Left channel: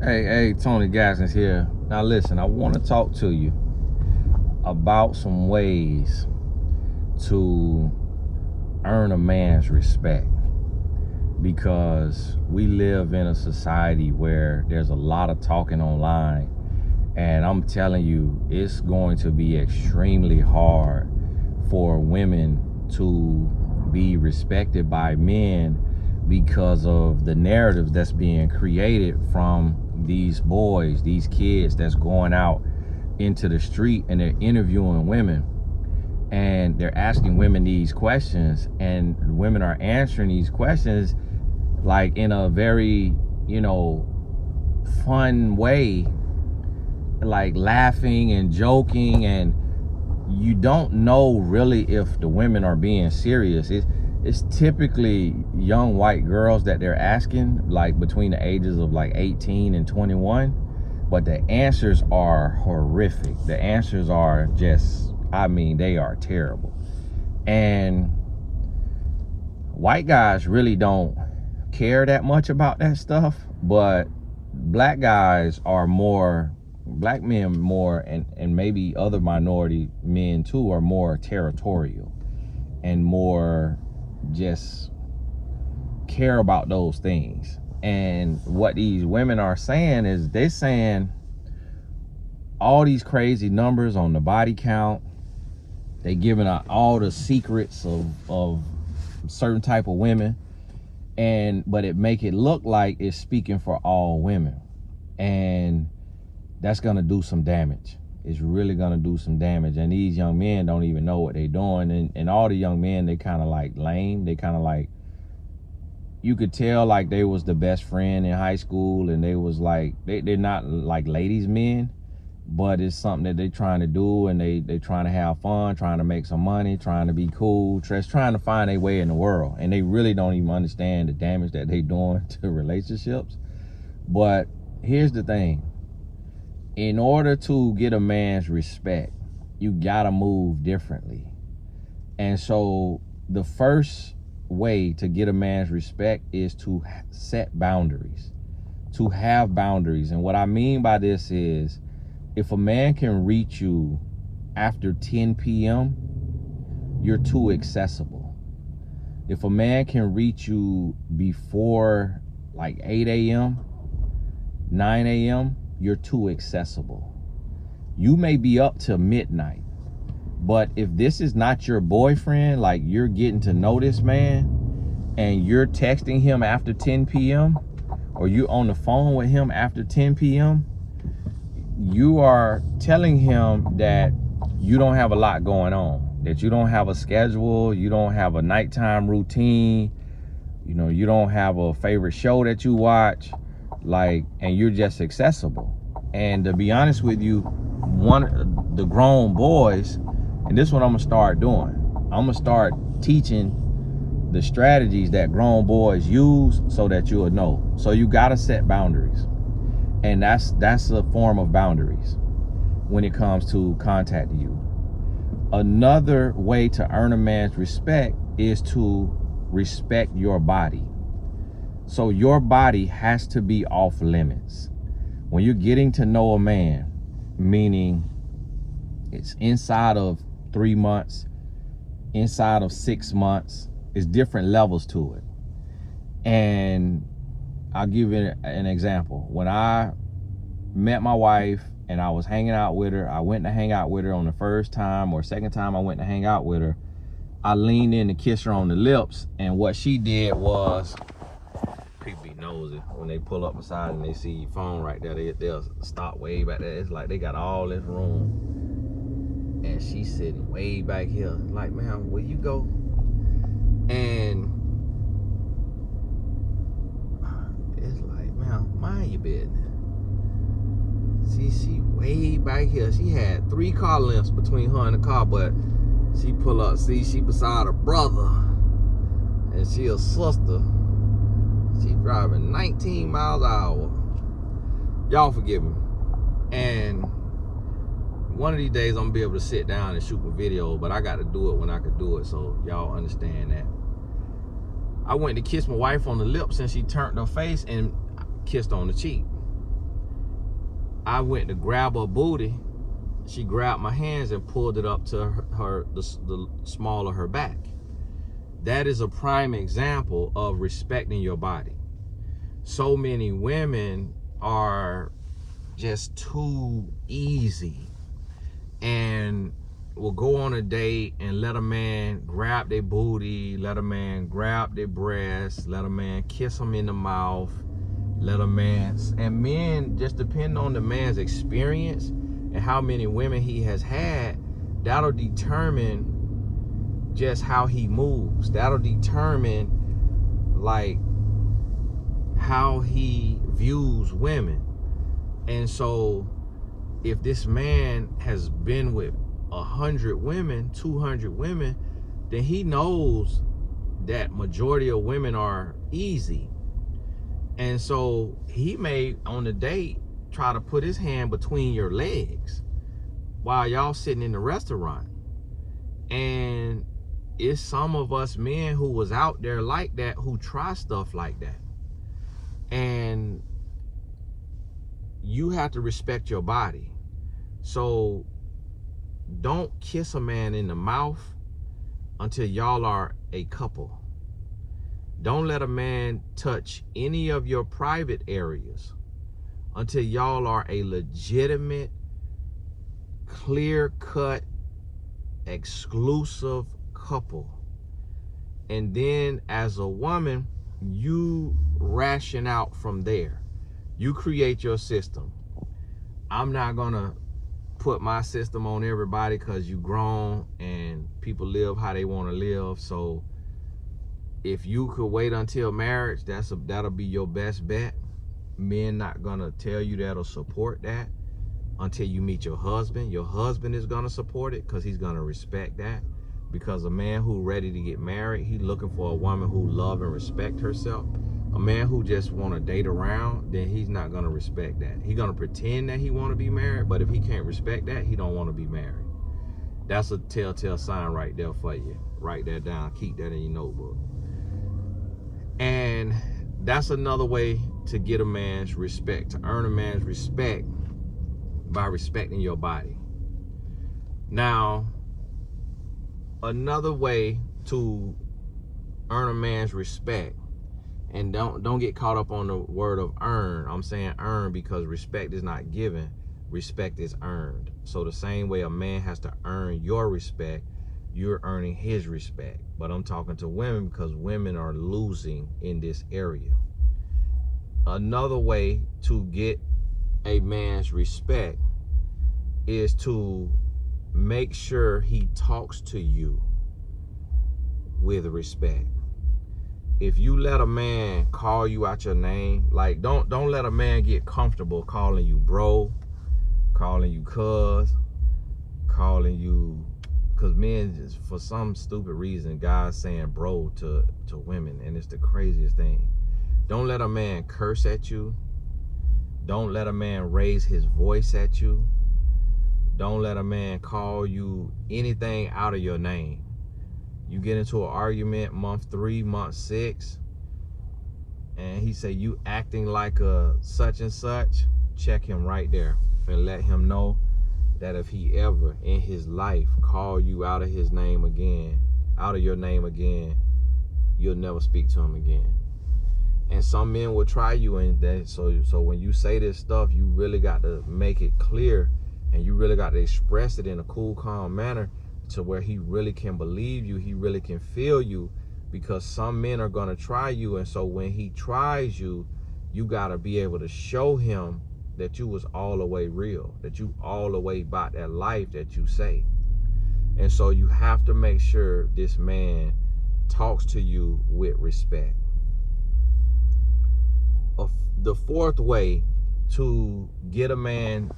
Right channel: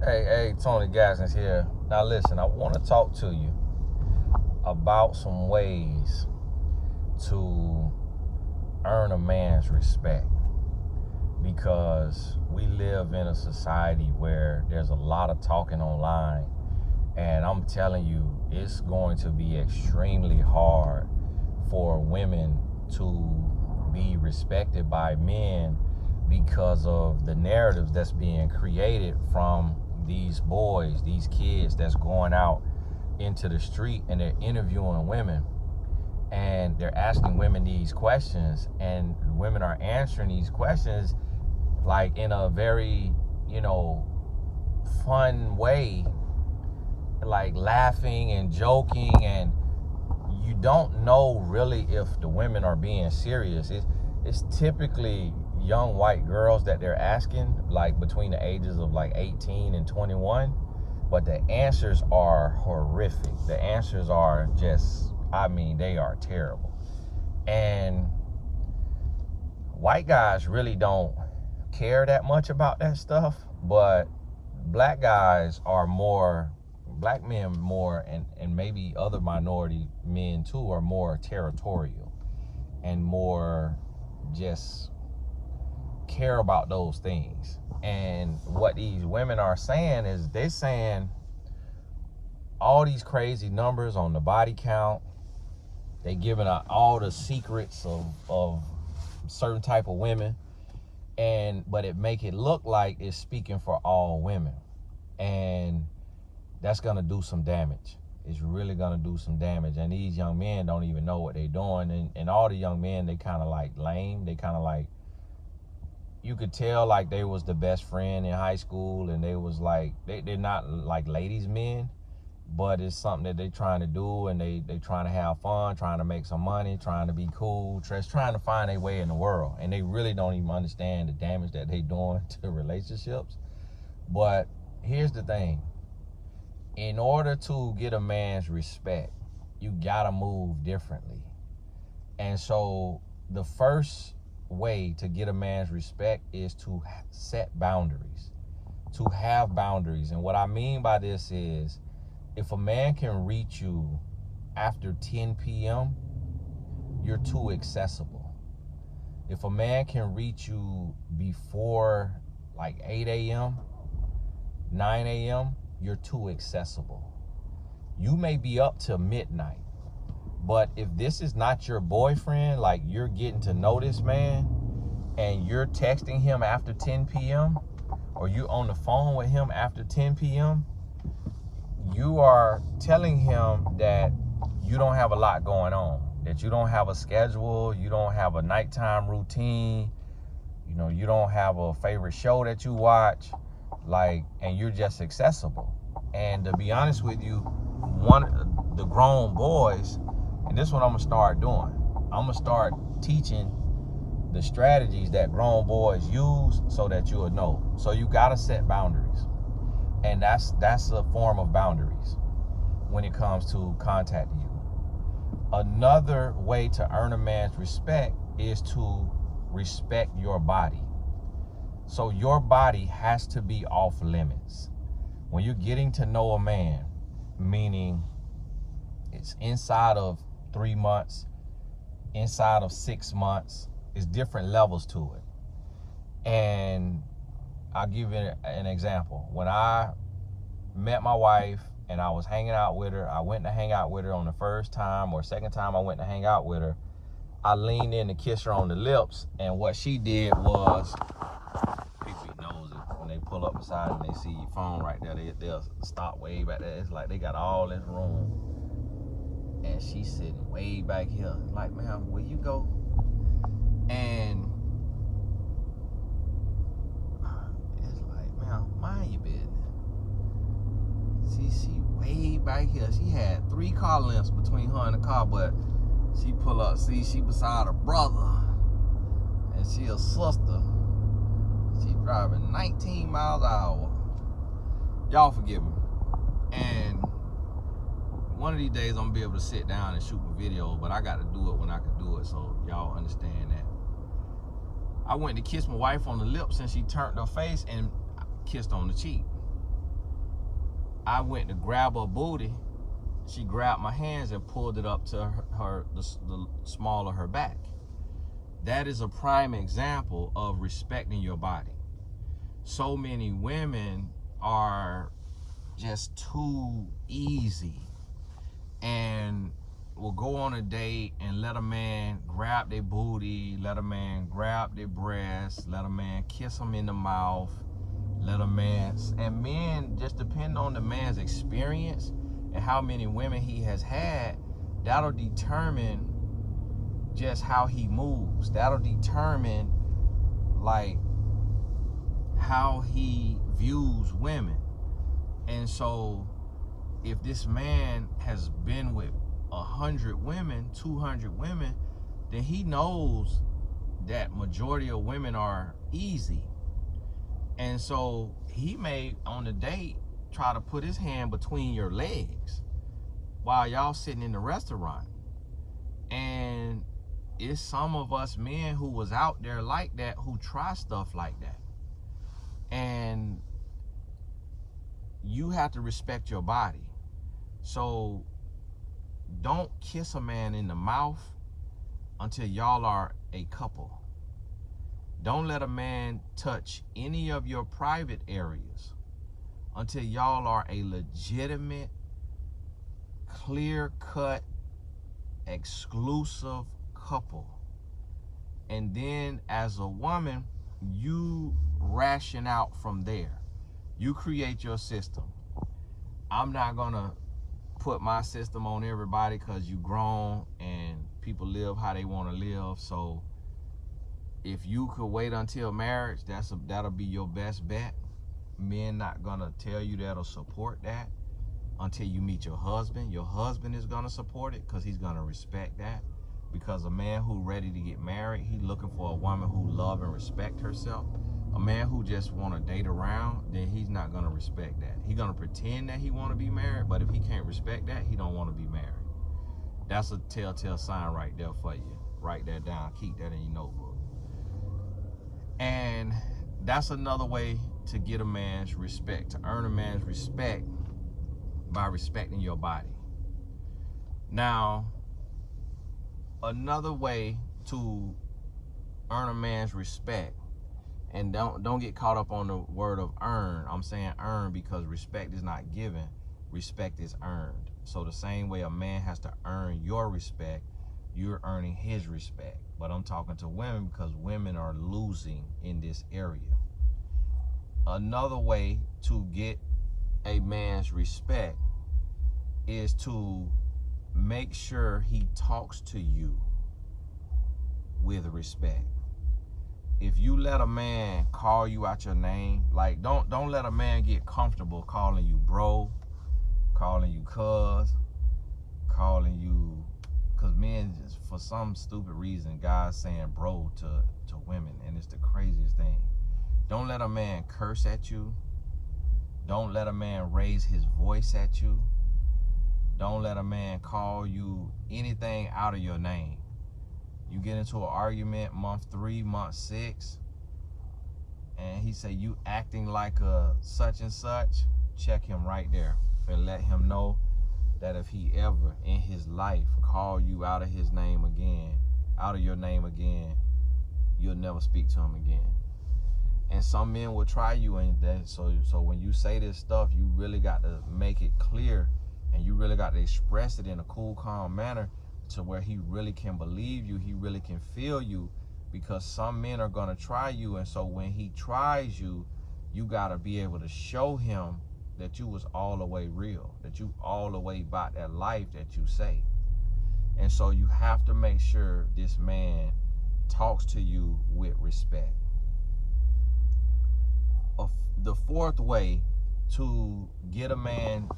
Hey, Tony Gassens here. Now listen, I want to talk to you about some ways to earn a man's respect, because we live in a society where there's a lot of talking online, and I'm telling you, it's going to be extremely hard for women to be respected by men because of the narrative that's being created from these boys, these kids that's going out into the street and they're interviewing women and they're asking women these questions, and women are answering these questions like in a very, fun way, like laughing and joking, and you don't know really if the women are being serious. It's typically young white girls that they're asking, like between the ages of like 18 and 21, but the answers are horrific. The answers are just, they are terrible. And white guys really don't care that much about that stuff, but black men more, and maybe other minority men too, are more territorial and more just care about those things. And what these women are saying is they're saying all these crazy numbers on the body count. They giving out all the secrets of certain type of women, but it make it look like it's speaking for all women, and that's gonna do some damage. It's really gonna do some damage, and these young men don't even know what they're doing, and all the young men, they kind of like lame. They kind of like, you could tell like they was the best friend in high school, and they was like, they're not like ladies men, but it's something that they trying to do, and they trying to have fun, trying to make some money, trying to be cool, just trying to find their way in the world, and they really don't even understand the damage that they doing to relationships. But here's the thing: in order to get a man's respect, you gotta move differently. And so the first way to get a man's respect is to set boundaries, to have boundaries. And what I mean by this is, if a man can reach you after 10 p.m., you're too accessible. If a man can reach you before like 8 a.m., 9 a.m., you're too accessible. You may be up till midnight, but if this is not your boyfriend, like you're getting to know this man and you're texting him after 10 p.m. or you're on the phone with him after 10 p.m., you are telling him that you don't have a lot going on, that you don't have a schedule, you don't have a nighttime routine, you don't have a favorite show that you watch, and you're just accessible. And to be honest with you, the grown boys, and this is what I'm gonna start doing, I'm gonna start teaching the strategies that grown boys use so that you'll know. So you gotta set boundaries, and that's a form of boundaries when it comes to contacting you. Another way to earn a man's respect is to respect your body. So your body has to be off limits. When you're getting to know a man, meaning it's inside of 3 months, inside of 6 months, it's different levels to it. And I'll give you an example. When I met my wife and I was hanging out with her, I went to hang out with her on the first time or second time I went to hang out with her, I leaned in to kiss her on the lips, and what she did was, people be nosy when they pull up beside and they see your phone right there, they'll stop way back there. It's like they got all this room, and she's sitting way back here. Like, man, where you go? And it's like, man, mind your business. See, she way back here. She had 3 car lengths between her and the car, but she pull up, see, she beside her brother, and she a sister. She driving 19 miles an hour. Y'all forgive me. And one of these days I'm gonna be able to sit down and shoot a video, but I got to do it when I can do it, so y'all understand that. I went to kiss my wife on the lips and she turned her face and kissed on the cheek. I went to grab her booty, she grabbed my hands and pulled it up to the small of her back. That is a prime example of respecting your body. So many women are just too easy and will go on a date and let a man grab their booty, let a man grab their breasts, let a man kiss them in the mouth, let a man, and men, just depend on the man's experience and how many women he has had, that'll determine just how he moves. That'll determine like how he views women. And so if this man has been with 100 women, 200 women, then he knows that majority of women are easy. And so he may, on the date, try to put his hand between your legs while y'all sitting in the restaurant. And it's some of us men who was out there like that, who try stuff like that. And you have to respect your body. So don't kiss a man in the mouth until y'all are a couple. Don't let a man touch any of your private areas until y'all are a legitimate, clear-cut, exclusive couple. And then as a woman, you ration out from there. You create your system. I'm not gonna put my system on everybody because you grown and people live how they want to live. So if you could wait until marriage, that'll be your best bet. Men not gonna tell you that'll support that until you meet your husband. Your husband is gonna support it because he's gonna respect that. Because a man who ready to get married, he's looking for a woman who love and respect herself. A man who just want to date around, then he's not gonna respect that. He's gonna pretend that he want to be married, but if he can't respect that, he don't want to be married. That's a telltale sign right there for you. Write that down. Keep that in your notebook. And that's another way to get a man's respect, to earn a man's respect, by respecting your body. Now, another way to earn a man's respect, and don't get caught up on the word of earn. I'm saying earn because respect is not given, respect is earned. So the same way a man has to earn your respect, you're earning his respect. But I'm talking to women because women are losing in this area. Another way to get a man's respect is to make sure he talks to you with respect. If you let a man call you out your name, like don't let a man get comfortable calling you bro, calling you cuz, calling you, because men, just for some stupid reason, guys saying bro to women, and it's the craziest thing. Don't let a man curse at you. Don't let a man raise his voice at you. Don't let a man call you anything out of your name. You get into an argument month 3, month 6, and he say you acting like a such and such, check him right there and let him know that if he ever in his life call you out of his name again, out of your name again, you'll never speak to him again. And some men will try you, and that so when you say this stuff, you really got to make it clear, and you really got to express it in a cool, calm manner to where he really can believe you, he really can feel you, because some men are gonna try you. And so when he tries you, you gotta be able to show him that you was all the way real, that you all the way about that life that you say. And so you have to make sure this man talks to you with respect. The fourth way to get a man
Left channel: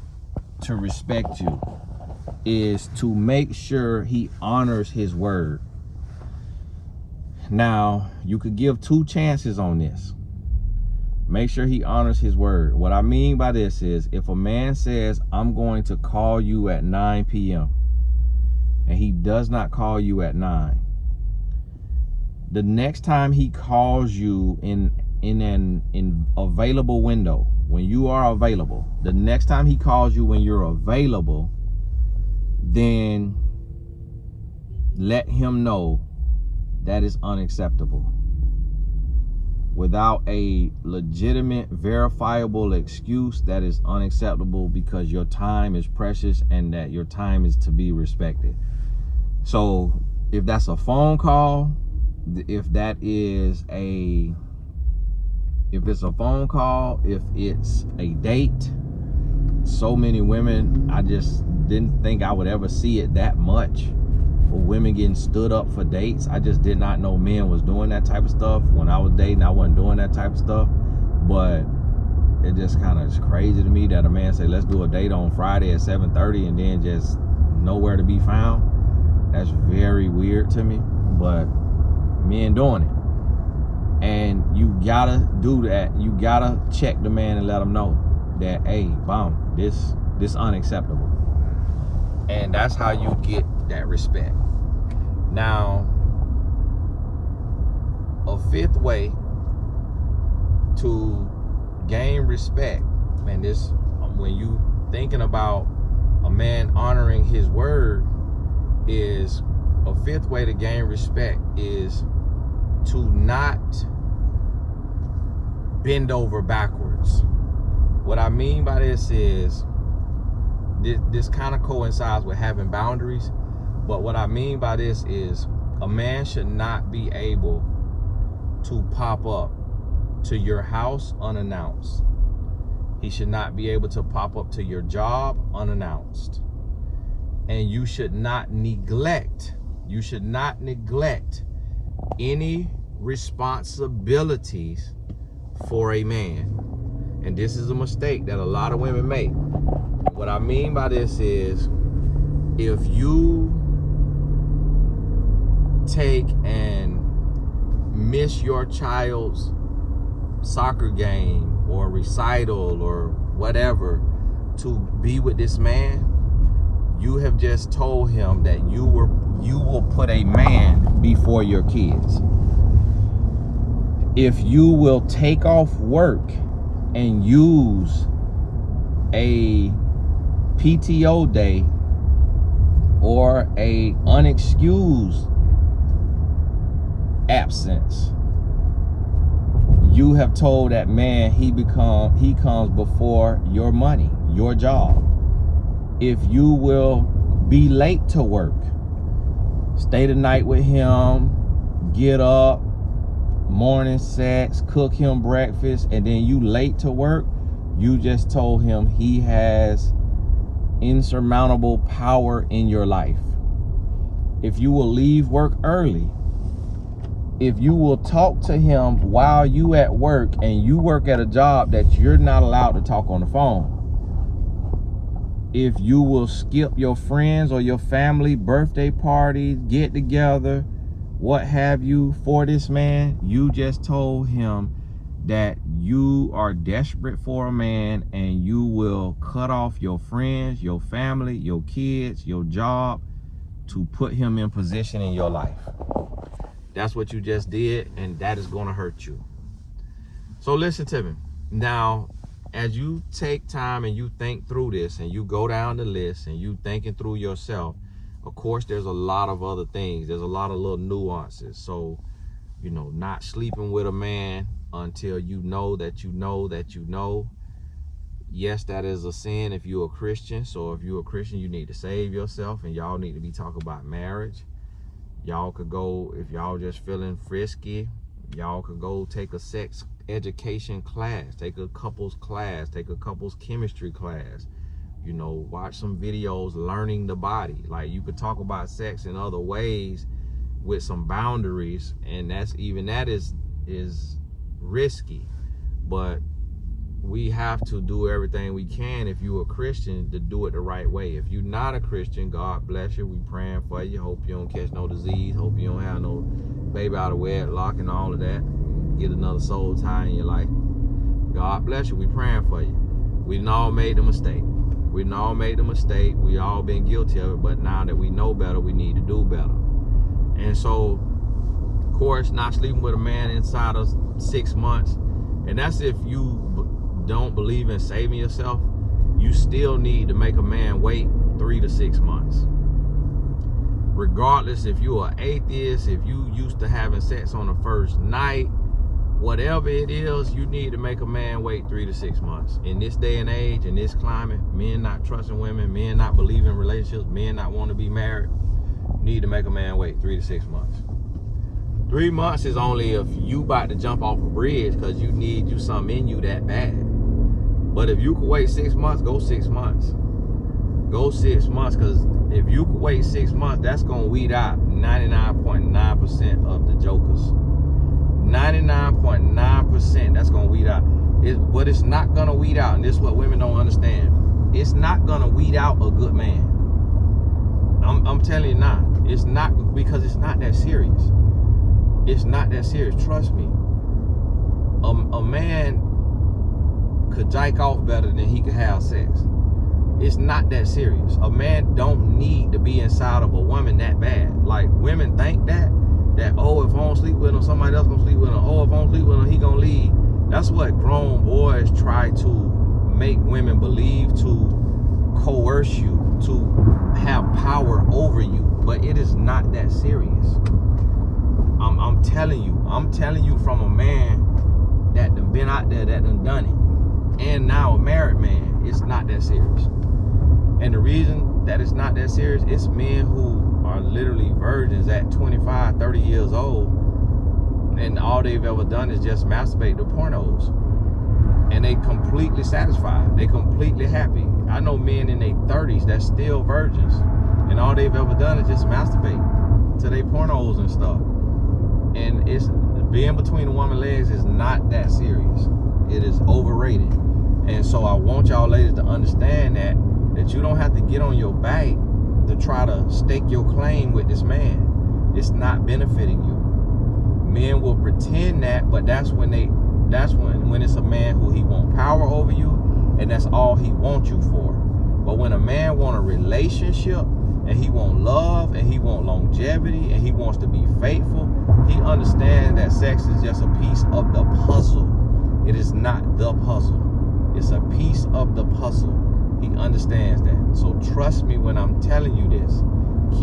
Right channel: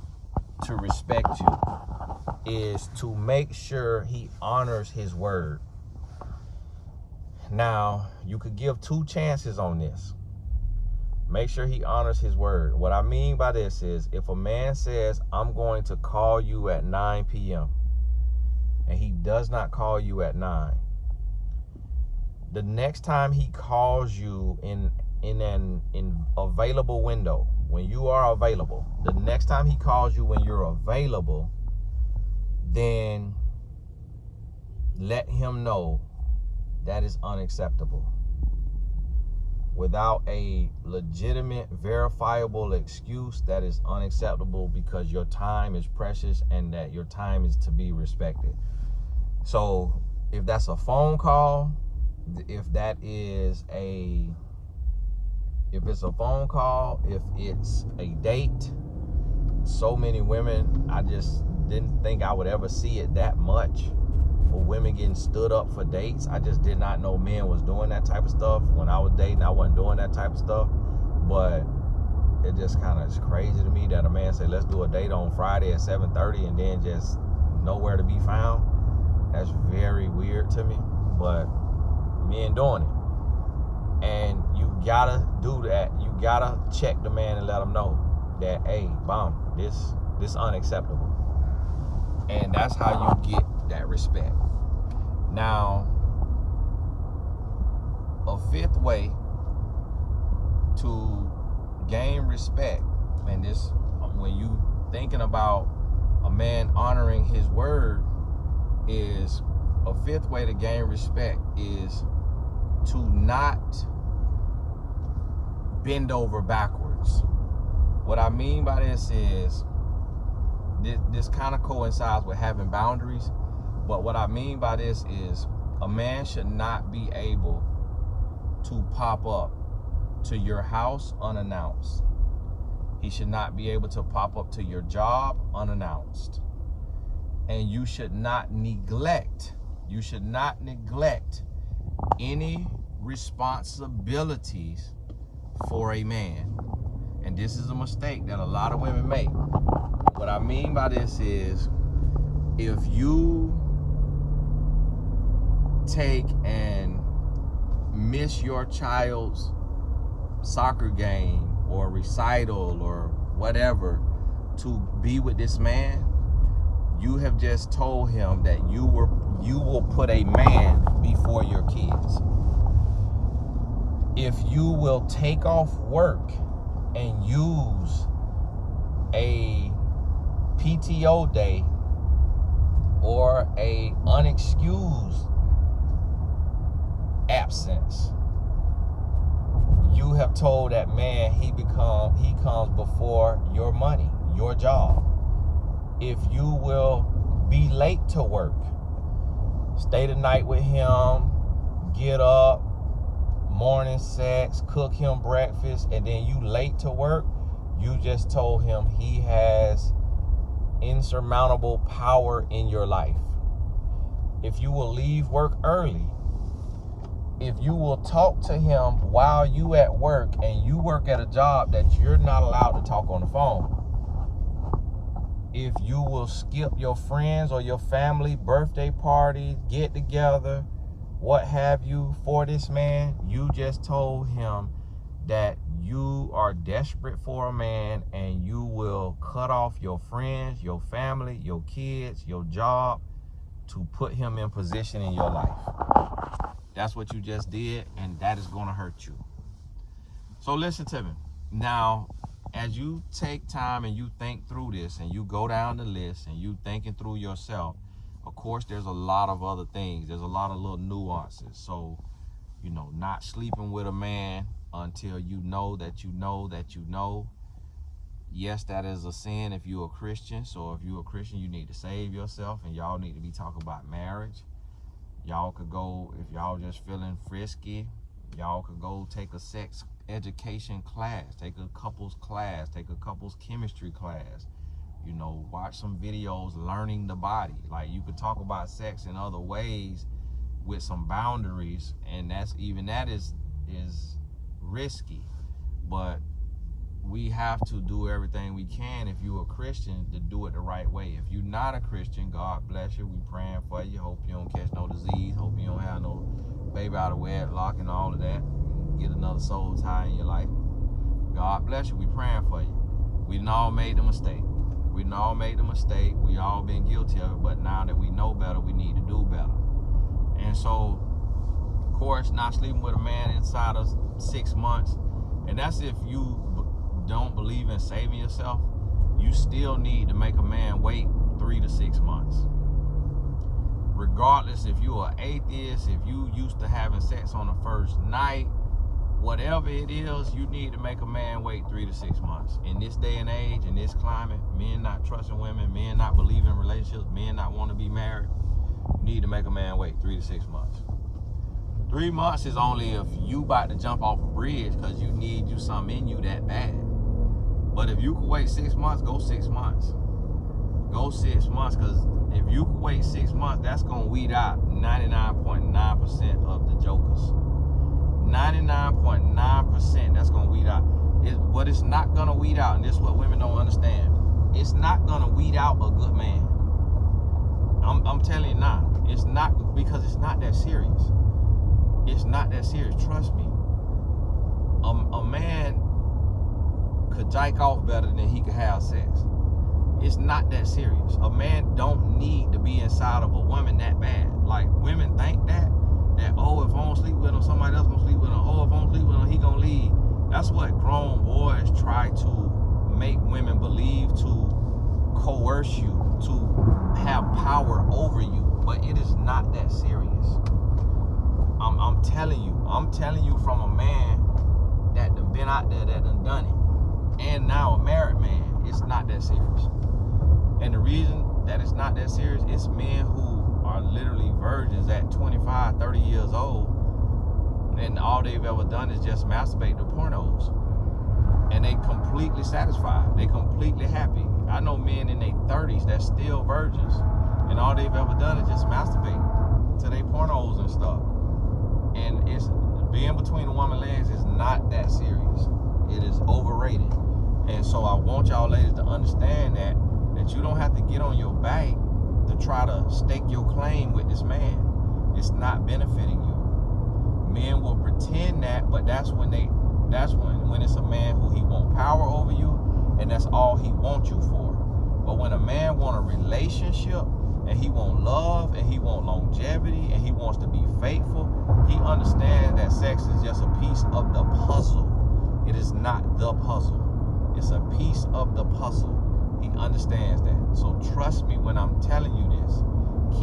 to respect you is to make sure he honors his word. Now, you could give 2 chances on this. Make sure he honors his word. What I mean by this is, if a man says, I'm going to call you at 9 p.m. and he does not call you at 9, the next time he calls you in an available window, when you are available, the next time he calls you when you're available, then let him know that is unacceptable. Without a legitimate, verifiable excuse, that is unacceptable, because your time is precious and that your time is to be respected. So if that's a phone call, if it's a phone call, if it's a date, so many women, I just didn't think I would ever see it that much, for women getting stood up for dates. I just did not know men was doing that type of stuff. When I was dating, I wasn't doing that type of stuff. But it just kind of is crazy to me that a man say, let's do a date on Friday at 7:30 and then just nowhere to be found. That's very weird to me, but men doing it. And you gotta do that. You gotta check the man and let him know that, hey, boom, this unacceptable. And that's how you get that respect. Now, a fifth way to gain respect, and this, when you thinking about a man honoring his word, is a fifth way to gain respect is to not bend over backwards. What I mean by this is, this kind of coincides with having boundaries, but what I mean by this is a man should not be able to pop up to your house unannounced. He should not be able to pop up to your job unannounced. And you should not neglect any responsibilities for a man. And this is a mistake that a lot of women make. What I mean by this is, if you take and miss your child's soccer game or recital or whatever to be with this man, you have just told him that you will put a man before your kids. If you will take off work and use a PTO day or a unexcused absence, you have told that man he comes before your money, your job. If you will be late to work, stay the night with him, get up, morning sex, cook him breakfast, and then you late to work, you just told him he has insurmountable power in your life. If you will leave work early, if you will talk to him while you at work and you work at a job that you're not allowed to talk on the phone, if you will skip your friends or your family birthday parties, get together, what have you, for this man, you just told him that you are desperate for a man, and you will cut off your friends, your family, your kids, your job to put him in position in your life. That's what you just did, and that is going to hurt you. So listen to me. Now, as you take time and you think through this and you go down the list and you thinking through yourself, of course, there's a lot of other things. There's a lot of little nuances. So, not sleeping with a man until you know that you know that you know. Yes, that is a sin if you're a Christian. So if you're a Christian, you need to save yourself, and y'all need to be talking about marriage. Y'all could go, if y'all just feeling frisky, y'all could go take a sex education class, take a couples class, take a couples chemistry class, watch some videos learning the body. Like, you could talk about sex in other ways with some boundaries, and that is risky, but we have to do everything we can, if you're a Christian, to do it the right way. If you're not a Christian, God bless you, we praying for you. Hope you don't catch no disease, hope you don't have no baby out of wedlock and all of that, get another soul tie in your life. God bless you, we praying for you. We done all made the mistake. We all been guilty of it, but now that we know better, we need to do better. And so, of course, not sleeping with a man inside of 6 months, and that's if you don't believe in saving yourself, you still need to make a man wait 3 to 6 months. Regardless if you're an atheist, if you used to having sex on the first night, whatever it is, you need to make a man wait 3 to 6 months. In this day and age, in this climate, men not trusting women, men not believing in relationships, men not want to be married, you need to make a man wait 3 to 6 months. 3 months is only if you about to jump off a bridge because you need you something in you that bad. But if you could wait 6 months, go 6 months. Go 6 months, because if you could wait 6 months, that's going to weed out 99.9% of the jokers. 99.9% that's going to weed out. What it's not going to weed out, and this is what women don't understand, it's not going to weed out a good man. I'm telling you now, it's not, because it's not that serious. It's not that serious, trust me. A man could jack off better than he could have sex. It's not that serious. A man don't need to be inside of a woman that bad. Like, women think that oh, if I don't sleep with him, somebody else gonna sleep with him. Oh, if I don't sleep with him, he gonna leave. That's what grown boys try to make women believe, to coerce you, to have power over you. But it is not that serious. I'm telling you from a man that done been out there, that done it, and now a married man. It's not that serious. And the reason that it's not that serious, it's men who are literally virgins at 25, 30 years old, and all they've ever done is just masturbate to pornos. And they completely satisfied. They completely happy. I know men in their 30s that's still virgins, and all they've ever done is just masturbate to their pornos and stuff. And it's being between a woman's legs is not that serious. It is overrated. And so I want y'all ladies to understand that you don't have to get on your back to try to stake your claim with this man. It's not benefiting you. Men will pretend that, but that's when it's a man who he want power over you, and that's all he wants you for. But when a man want a relationship, and he want love, and he want longevity, and he wants to be faithful, he understands that sex is just a piece of the puzzle. It is not the puzzle. It's a piece of the puzzle. He understands that. So trust me when I'm telling you this.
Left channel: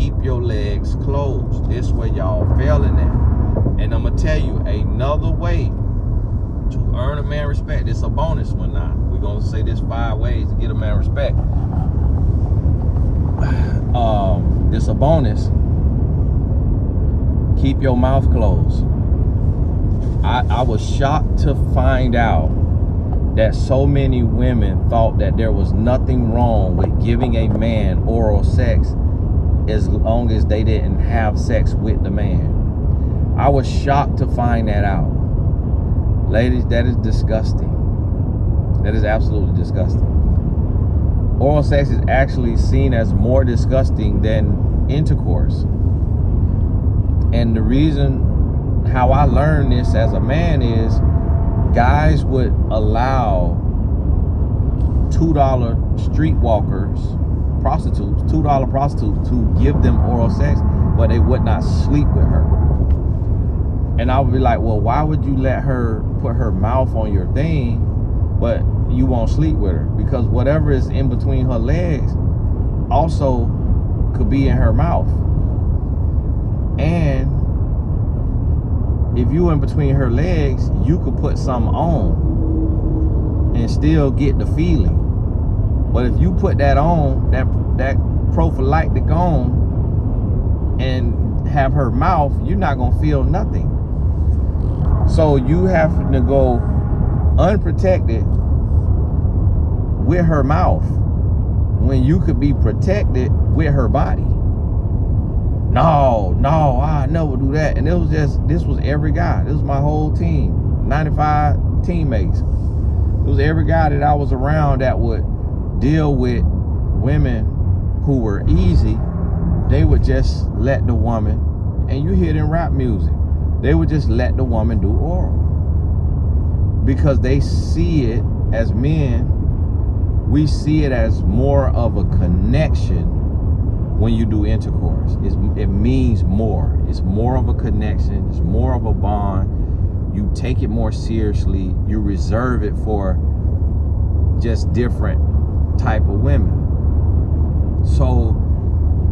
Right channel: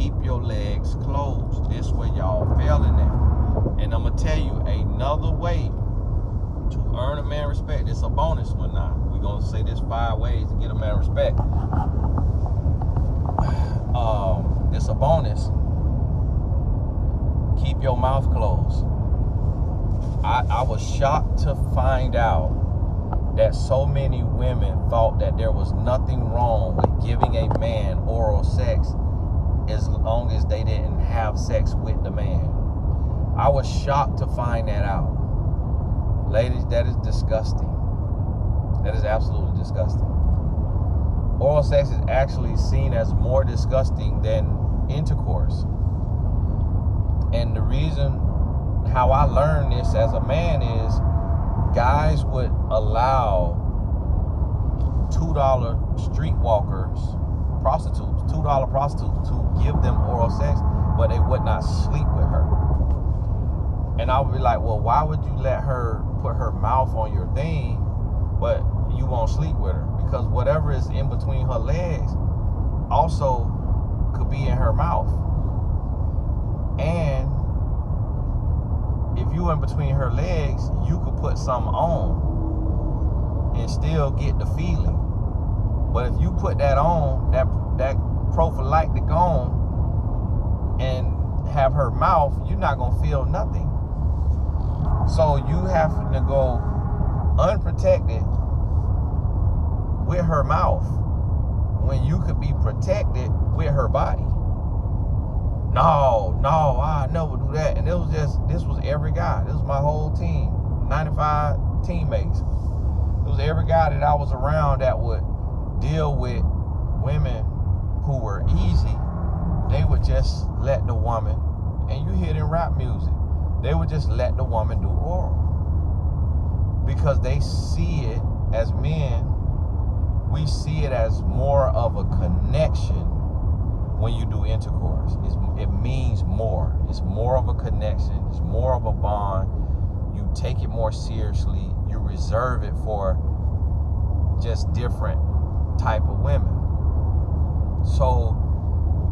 Keep your legs closed. This way y'all failing at. And I'm going to tell you another way to earn a man respect. This is a bonus one now. We're going to say this 5 ways to get a man respect. This is a bonus. Keep your mouth closed. I was shocked to find out that so many women thought that there was nothing wrong with giving a man oral sex as long as they didn't have sex with the man. I was shocked to find that out. Ladies, that is disgusting. That is absolutely disgusting. Oral sex is actually seen as more disgusting than intercourse. And the reason how I learned this as a man is guys would allow $2 streetwalkers, prostitutes, $2 prostitutes to give them oral sex, but they would not sleep with her. And I would be like, well, why would you let her put her mouth on your thing, but you won't sleep with her? Because whatever is in between her legs also could be in her mouth. And if you in between her legs, you could put something on and still get the feeling. But if you put that on, that prophylactic on, and have her mouth, you're not gonna feel nothing. So you have to go unprotected with her mouth when you could be protected with her body. No, I never do that. And this was every guy. This was my whole team, 95 teammates. It was every guy that I was around that would deal with women who were easy. They would just let the woman, and you hear it in rap music, they would just let the woman do oral. Because they see it, as men, we see it as more of a connection. When you do intercourse, it means more. It's more of a connection. It's more of a bond. You take it more seriously. You reserve it for just different type of women. So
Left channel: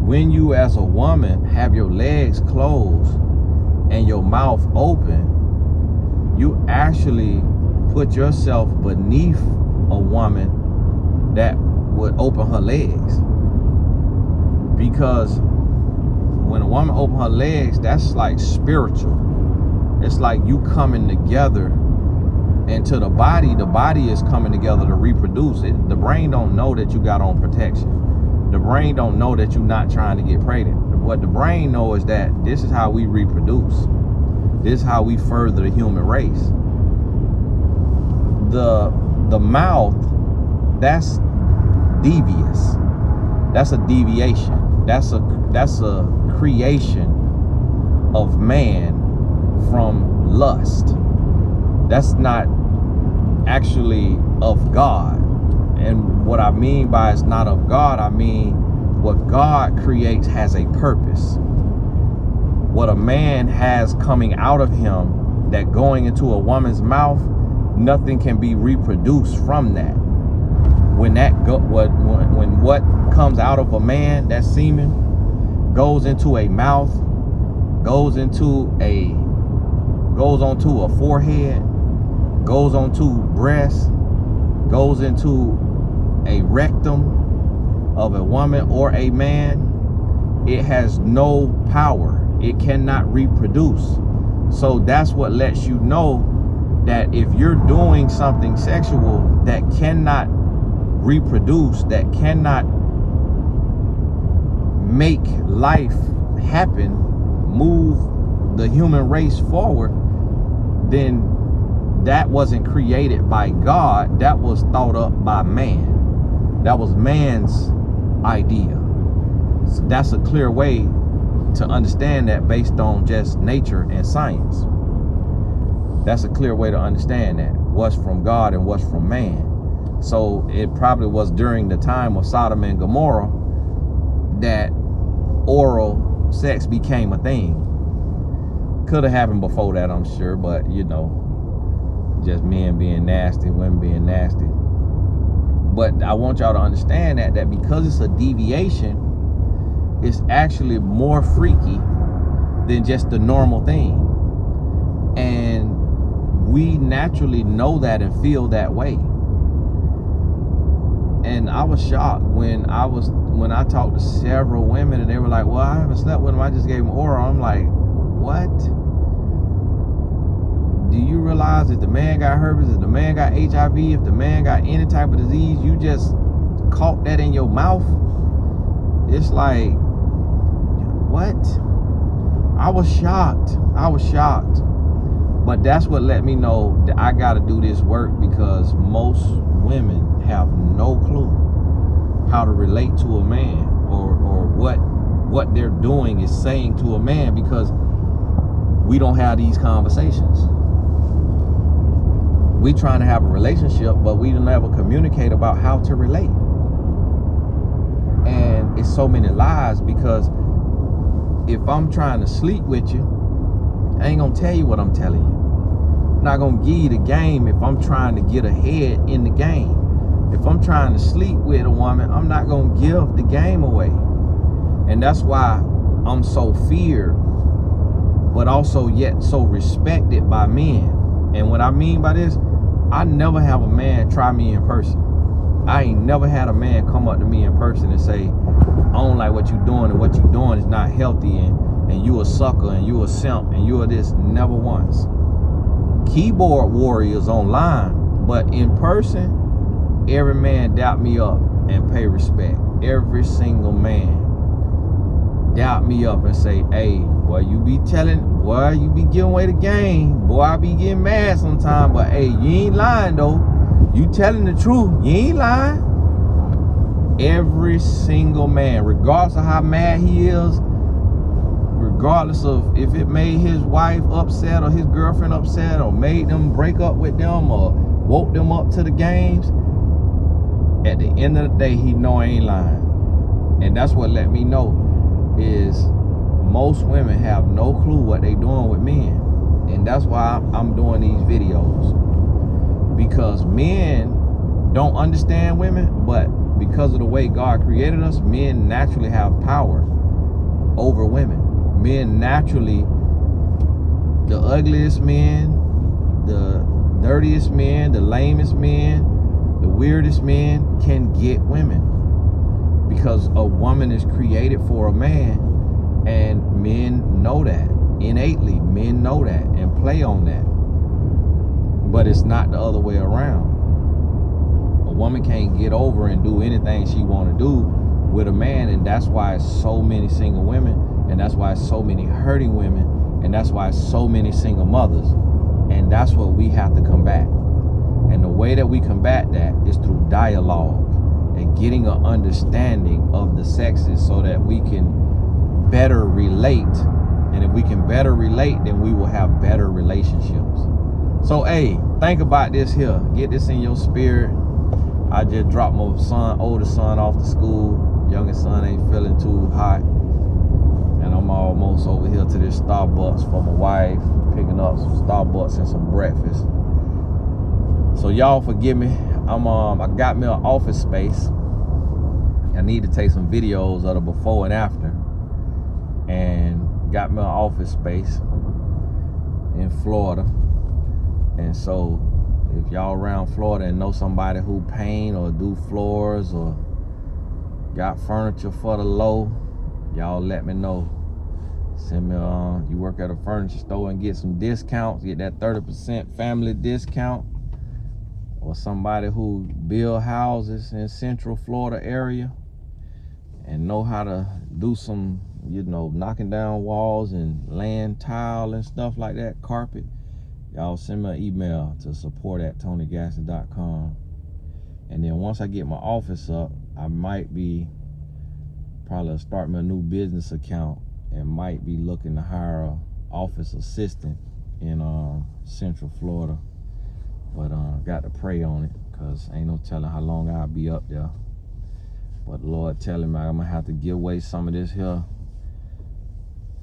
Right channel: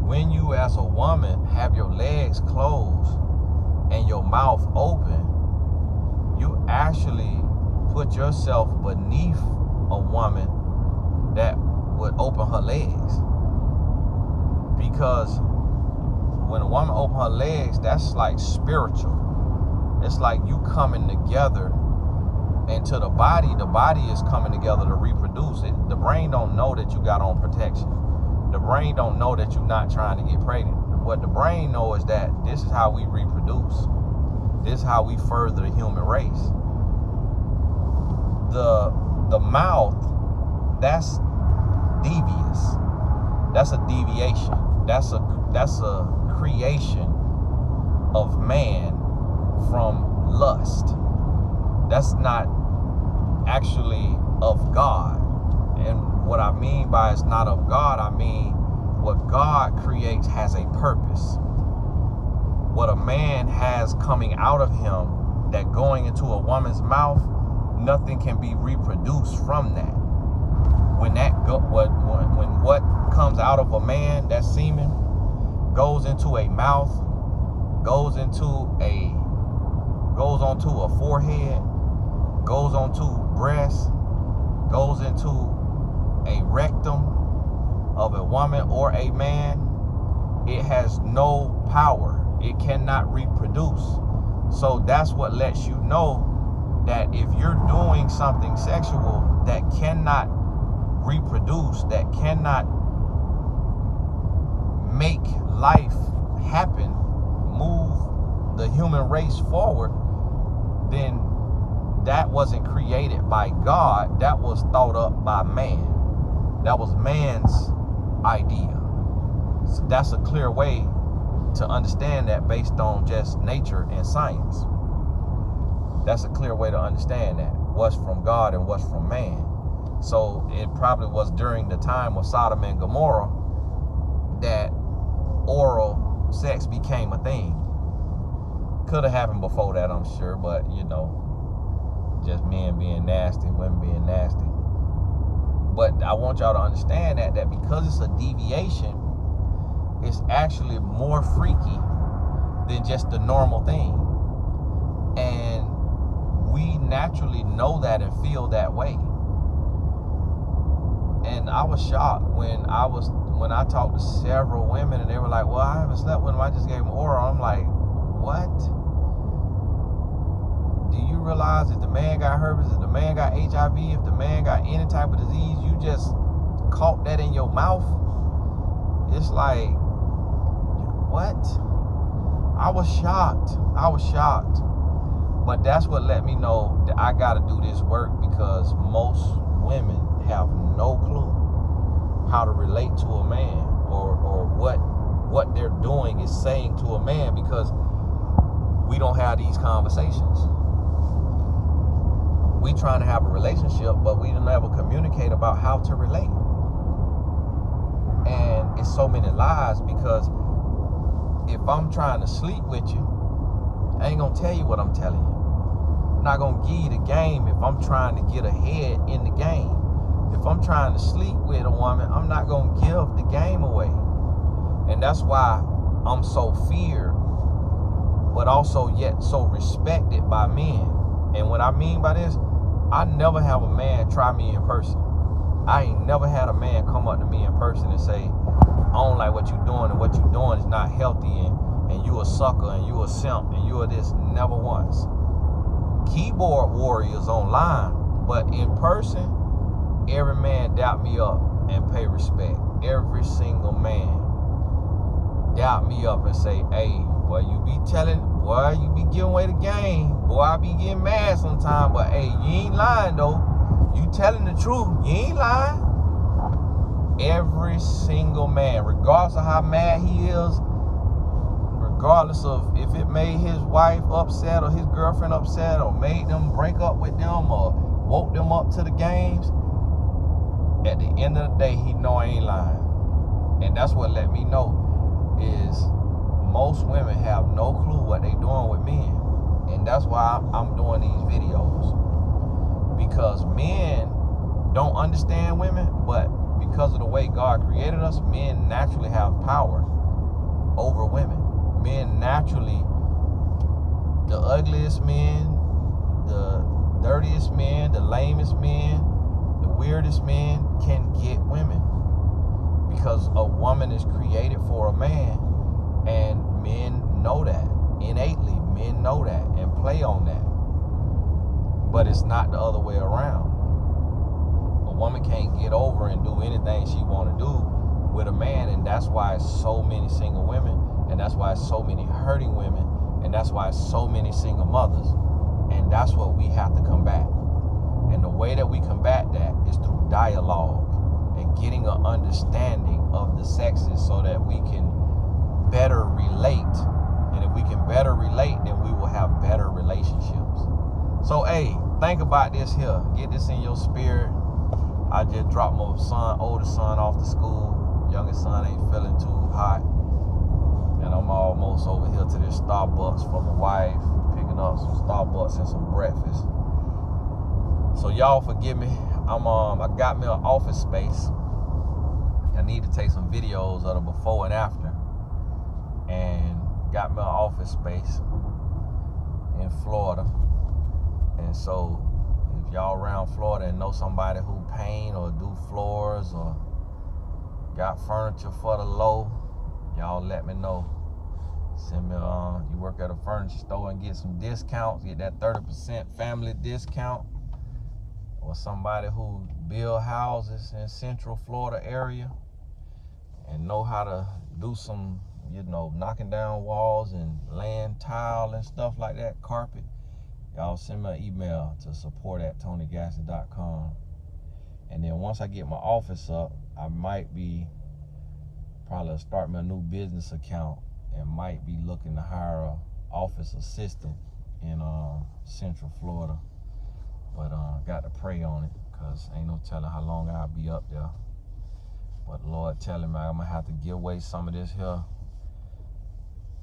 when you as a woman have your legs closed and your mouth open, you actually put yourself beneath a woman that would open her legs. Because when a woman open her legs, that's like spiritual. It's like you coming together, and to the body is coming together to reproduce. The brain don't know that you got on protection. The brain don't know that you're not trying to get pregnant. What the brain knows is that this is how we reproduce. This is how we further the human race. The mouth, that's devious. That's a deviation. That's a creation of man from lust. That's not actually of God. And what I mean by it's not of God, I mean what God creates has a purpose. What a man has coming out of him, that going into a woman's mouth, nothing can be reproduced from that. When what comes out of a man, that semen, goes into a mouth, goes onto a forehead, goes onto breast, goes into a rectum of a woman or a man, it has no power. It cannot reproduce. So that's what lets you know that if you're doing something sexual that cannot reproduce, that cannot make life happen, move the human race forward, then that wasn't created by God. That was thought up by man. That was man's idea. So that's a clear way to understand that based on just nature and science. That's a clear way to understand that, what's from God and what's from man. So it probably was during the time of Sodom and Gomorrah that oral sex became a thing. Could have happened before that, I'm sure, but you know, just men being nasty, women being nasty. But I want y'all to understand that because it's a deviation, it's actually more freaky than just the normal thing. And we naturally know that and feel that way. And I was shocked when I talked to several women and they were like, well, I haven't slept with them, I just gave them oral. I'm like, what? Do you realize if the man got herpes, if the man got HIV, if the man got any type of disease, you just caught that in your mouth? It's like, what? I was shocked. But that's what let me know that I got to do this work, because most women have no clue how to relate to a man or what they're doing is saying to a man, because we don't have these conversations. We trying to have a relationship, but we don't ever communicate about how to relate. And it's so many lies, because if I'm trying to sleep with you, I ain't gonna tell you what I'm telling you. I'm not gonna give you the game if I'm trying to get ahead in the game. If I'm trying to sleep with a woman, I'm not gonna give the game away. And that's why I'm so feared, but also yet so respected by men. And what I mean by this, I never have a man try me in person. I ain't never had a man come up to me in person and say, I don't like what you're doing, and what you're doing is not healthy, and you a sucker, and you a simp, and you are this. Never once. Keyboard warriors online, but in person, every man doubt me up and pay respect. Every single man doubt me up and say, hey, boy, you be giving away the game. Boy, I be getting mad sometimes, but hey, you ain't lying though. You telling the truth, you ain't lying. Every single man, regardless of how mad he is, regardless of if it made his wife upset or his girlfriend upset or made them break up with them or woke them up to the games, at the end of the day, he know I ain't lying. And that's what let me know is most women have no clue what they doing with men. And that's why I'm doing these videos, because men don't understand women, but because of the way God created us, men naturally have power over women. Men naturally, the ugliest men, the dirtiest men, the lamest men, the weirdest men can get women, because a woman is created for a man, and men know that innately. Men know that and play on that, but it's not the other way around. A woman can't get over and do anything she want to do with a man, and that's why it's so many single women, and that's why it's so many hurting women, and that's why it's so many single mothers. And that's what we have to combat. And the way that we combat that is through dialogue and getting an understanding of the sexes, so that we can better relate. And if we can better relate, then we will have better relationships. So, hey, think about this here. Get this in your spirit. I just dropped my oldest son off to school. Youngest son ain't feeling too hot. And I'm almost over here to this Starbucks for my wife, picking up some Starbucks and some breakfast. So y'all forgive me. I got me an office space. I need to take some videos of the before and after. And got me an office space in Florida. And so if y'all around Florida and know somebody who paint or do floors or got furniture for the low, y'all let me know. Send me you work at a furniture store and get some discounts, get that 30% family discount, or somebody who build houses in Central Florida area and know how to do some, knocking down walls and laying tile and stuff like that, carpet. Y'all send me an email to support@tonygasson.com. And then once I get my office up, I might be probably start my new business account and might be looking to hire an office assistant in Central Florida. But got to pray on it, because ain't no telling how long I'll be up there. But the Lord telling me I'm gonna have to give away some of this here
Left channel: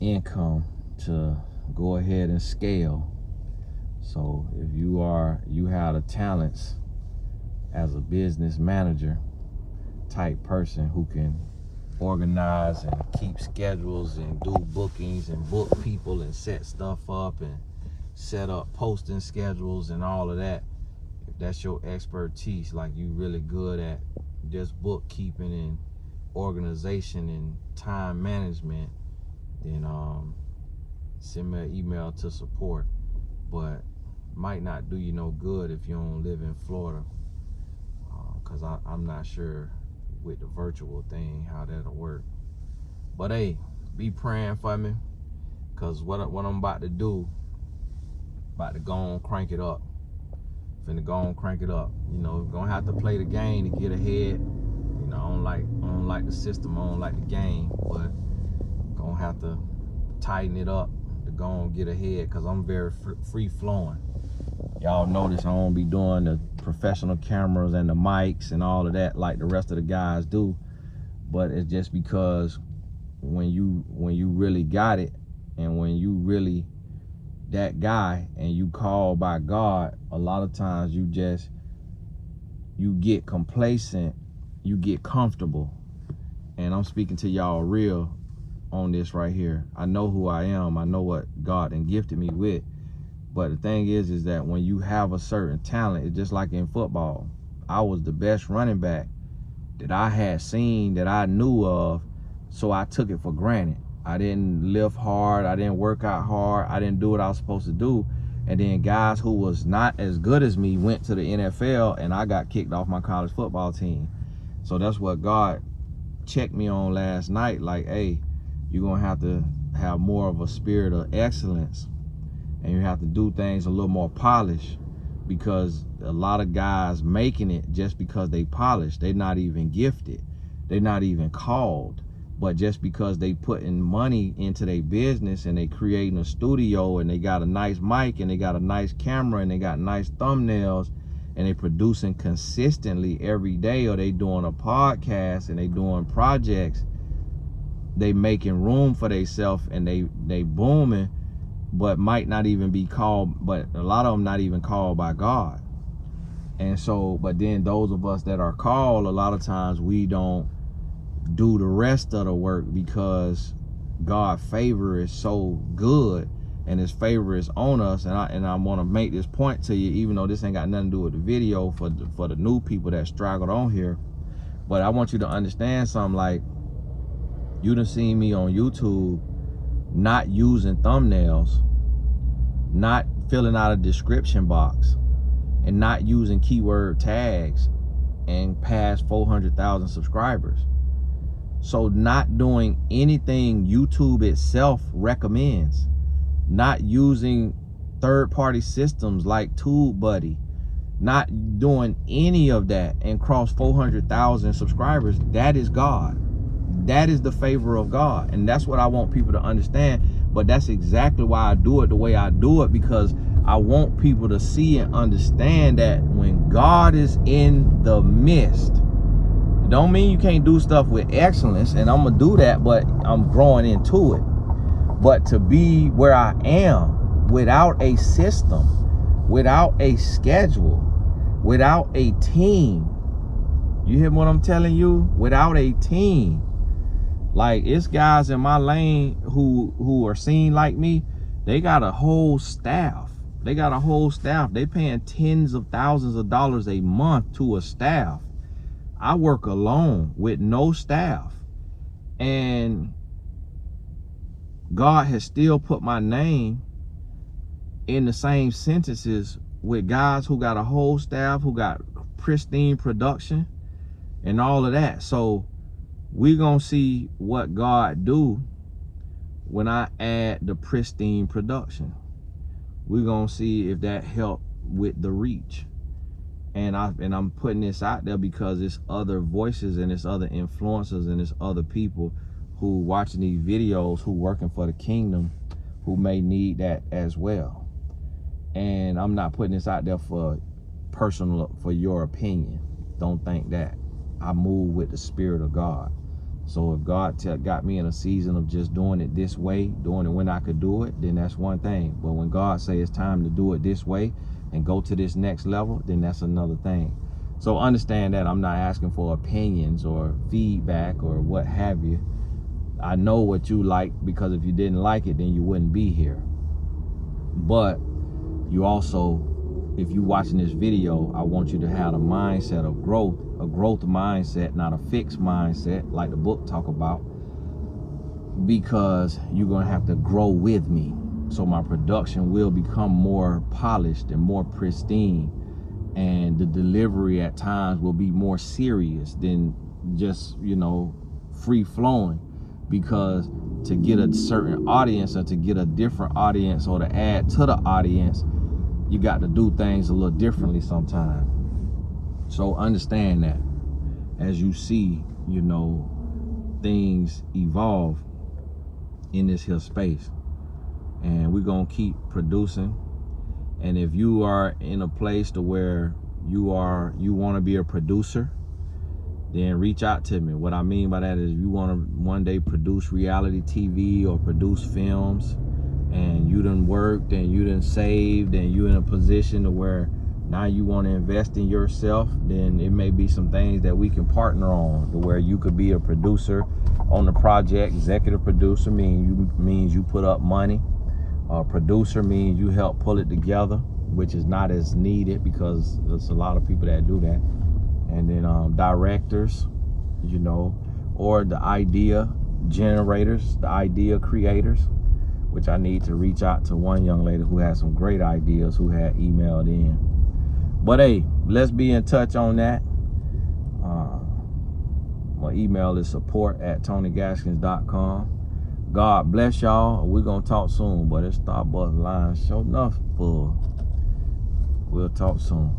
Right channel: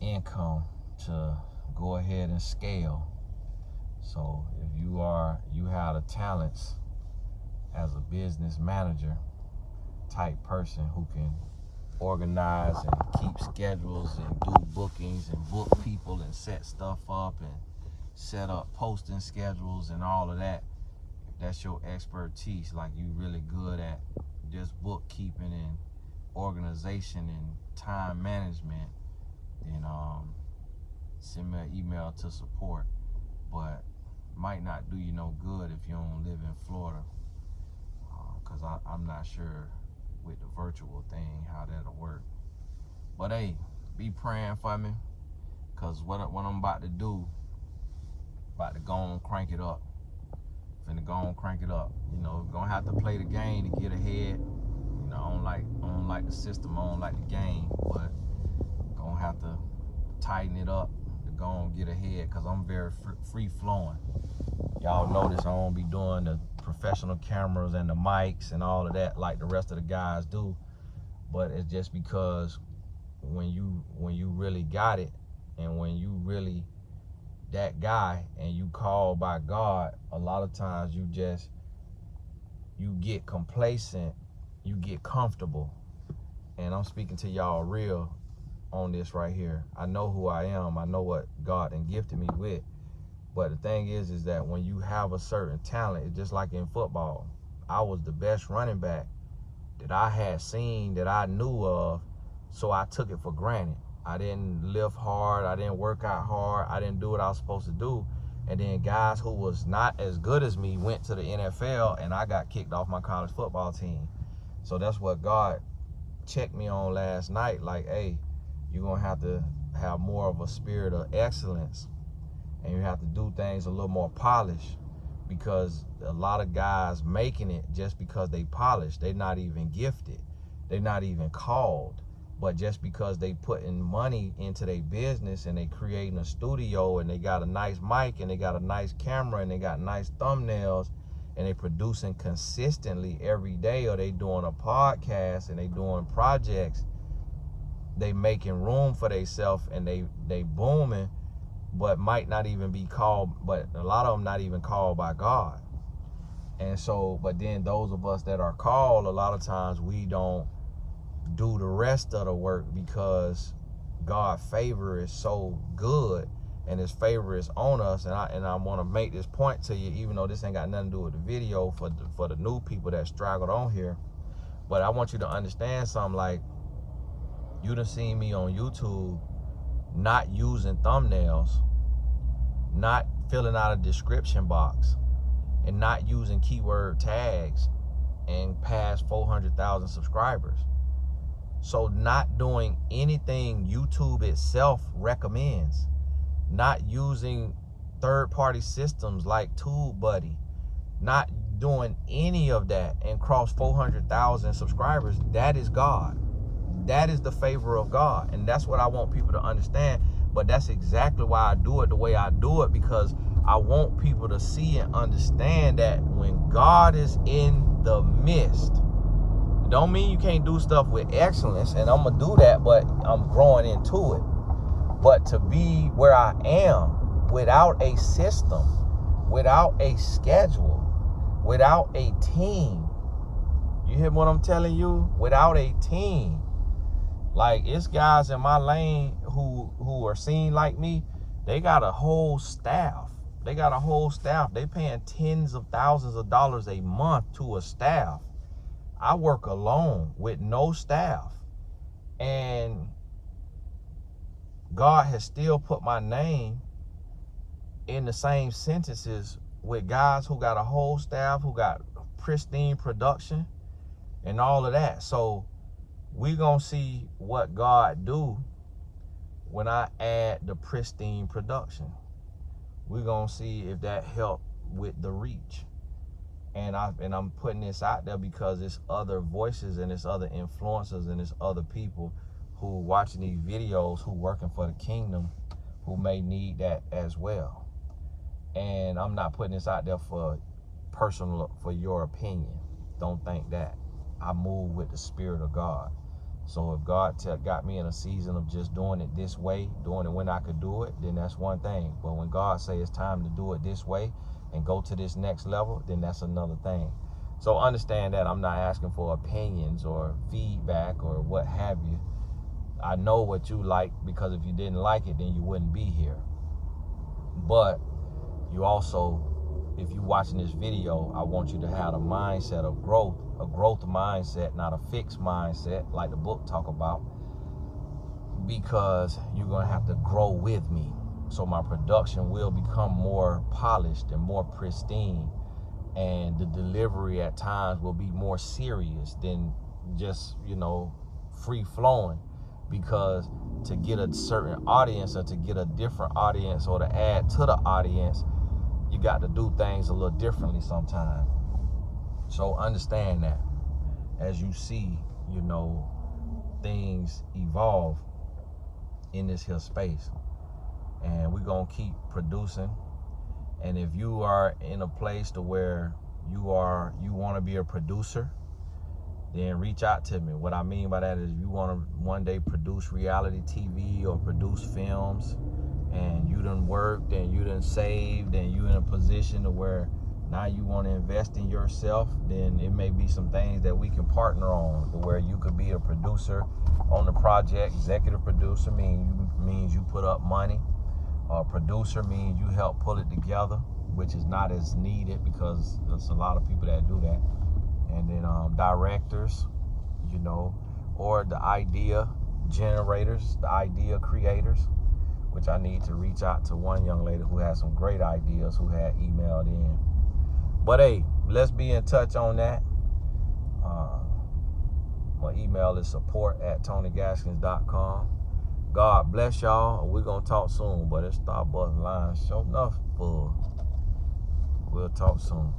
income to go ahead and scale. So if you have the talents as a business manager type person who can organize and keep schedules and do bookings and book people and set stuff up and set up posting schedules and all of that, if that's your expertise, like you really good at just bookkeeping and organization and time management, then send me an email to support. But might not do you no good if you don't live in Florida, because I'm not sure with the virtual thing how that'll work. But hey, be praying for me, because what I'm about to do, about to go on crank it up. Finna go on crank it up. Gonna have to play the game to get ahead. I don't like the system, I don't like the game, but gonna have to tighten it up to go on get ahead, because I'm very free flowing. Y'all notice I don't be doing the professional cameras and the mics and all of that like the rest of the guys do. But it's just because when you really got it, and when you really that guy and you called by God, a lot of times you get complacent, you get comfortable. And I'm speaking to y'all real on this right here. I know who I am. I know what God and gifted me with. But the thing is that when you have a certain talent, it's just like in football. I was the best running back that I had seen, that I knew of, so I took it for granted. I didn't lift hard, I didn't work out hard, I didn't do what I was supposed to do. And then guys who was not as good as me went to the NFL, and I got kicked off my college football team. So that's what God checked me on last night, like, hey, you're gonna have to have more of a spirit of excellence, and you have to do things a little more polished, because a lot of guys making it just because they polished, they're not even gifted, they're not even called. But just because they putting money into their business and they creating a studio and they got a nice mic and they got a nice camera and they got nice thumbnails and they producing consistently every day, or they doing a podcast and they doing projects, they making room for themselves and they booming, but might not even be called, but a lot of them not even called by God. And so, but then those of us that are called, a lot of times we don't do the rest of the work because God's favor is so good and his favor is on us. And I want to make this point to you, even though this ain't got nothing to do with the video, for the new people that straggled on here. But I want you to understand something. Like, you done seen me on YouTube not using thumbnails, not filling out a description box, and not using keyword tags, and past 400,000 subscribers. So not doing anything YouTube itself recommends, not using third-party systems like TubeBuddy, not doing any of that, and cross 400,000 subscribers, that is God. That is the favor of God. And that's what I want people to understand. But that's exactly why I do it the way I do it, because I want people to see and understand that when God is in the midst, don't mean you can't do stuff with excellence, and I'm gonna do that, but I'm growing into it. But to be where I am without a system, without a schedule, without a team, you hear what I'm telling you? Without a team. Like, it's guys in my lane who are seen like me. They got a whole staff. They got a whole staff. They paying tens of thousands of dollars a month to a staff. I work alone with no staff. And God has still put my name in the same sentences with guys who got a whole staff, who got pristine production and all of that. So we're gonna see what God do when I add the pristine production. We're gonna see if that help with the reach. And I'm putting this out there because it's other voices and it's other influencers and it's other people who watching these videos, who working for the kingdom, who may need that as well. And I'm not putting this out there for personal, for your opinion. Don't think that. I move with the Spirit of God. So if God got me in a season of just doing it this way, doing it when I could do it, then that's one thing. But when God say it's time to do it this way and go to this next level, then that's another thing. So understand that I'm not asking for opinions or feedback or what have you. I know what you like, because if you didn't like it, then you wouldn't be here. But you also, if you watching this video, I want you to have a mindset of growth, a growth mindset, not a fixed mindset like the book talk about, because you're going to have to grow with me. So my production will become more polished and more pristine, and the delivery at times will be more serious than just, you know, free flowing. Because to get a certain audience, or to get a different audience, or to add to the audience, you got to do things a little differently sometimes. So understand that as you see, you know, things evolve in this here space. And we're going to keep producing. And if you are in a place to where you want to be a producer, then reach out to me. What I mean by that is, you want to one day produce reality TV or produce films, and you done worked and you done saved and you in a position to where now you want to invest in yourself, then it may be some things that we can partner on, to where you could be a producer on the project. Executive producer means you put up money. Producer means you help pull it together, which is not as needed because there's a lot of people that do that. And then directors, you know, or the idea generators, the idea creators, which I need to reach out to one young lady who had some great ideas, who had emailed in. But hey, let's be in touch on that. My email is support@TonyGaskins.com. God bless y'all. We're going to talk soon, but this Starbucks line sure enough full. We'll talk soon.